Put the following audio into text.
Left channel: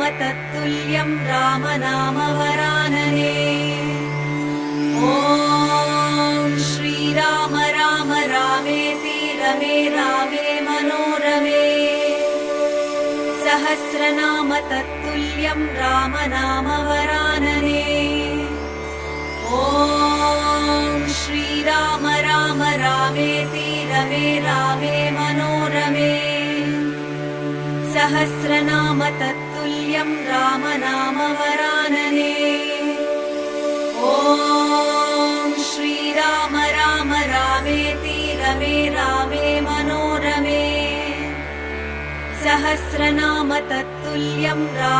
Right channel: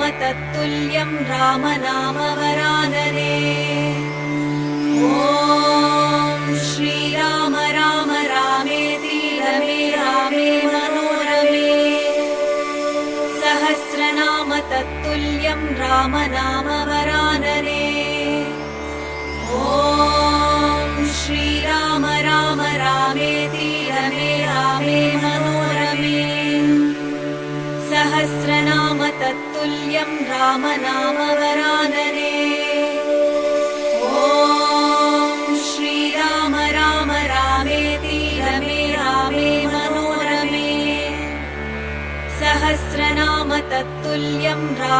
सहस्रनाम तत्तुल्यं राम नाम वरानने। ॐ श्रीराम राम रामेति रमे रामे मनोरमे। सहस्रनाम तत्तुल्यं राम नाम वरानने। ॐ श्रीराम राम रामेति रमे रामे मनोरमे। सहस्रनाम तत्तुल्यं राम नाम वरानने। ॐ श्रीराम राम रामेति रमे रामे मनोरमे। सहस्रनाम तत्तुल्यं राम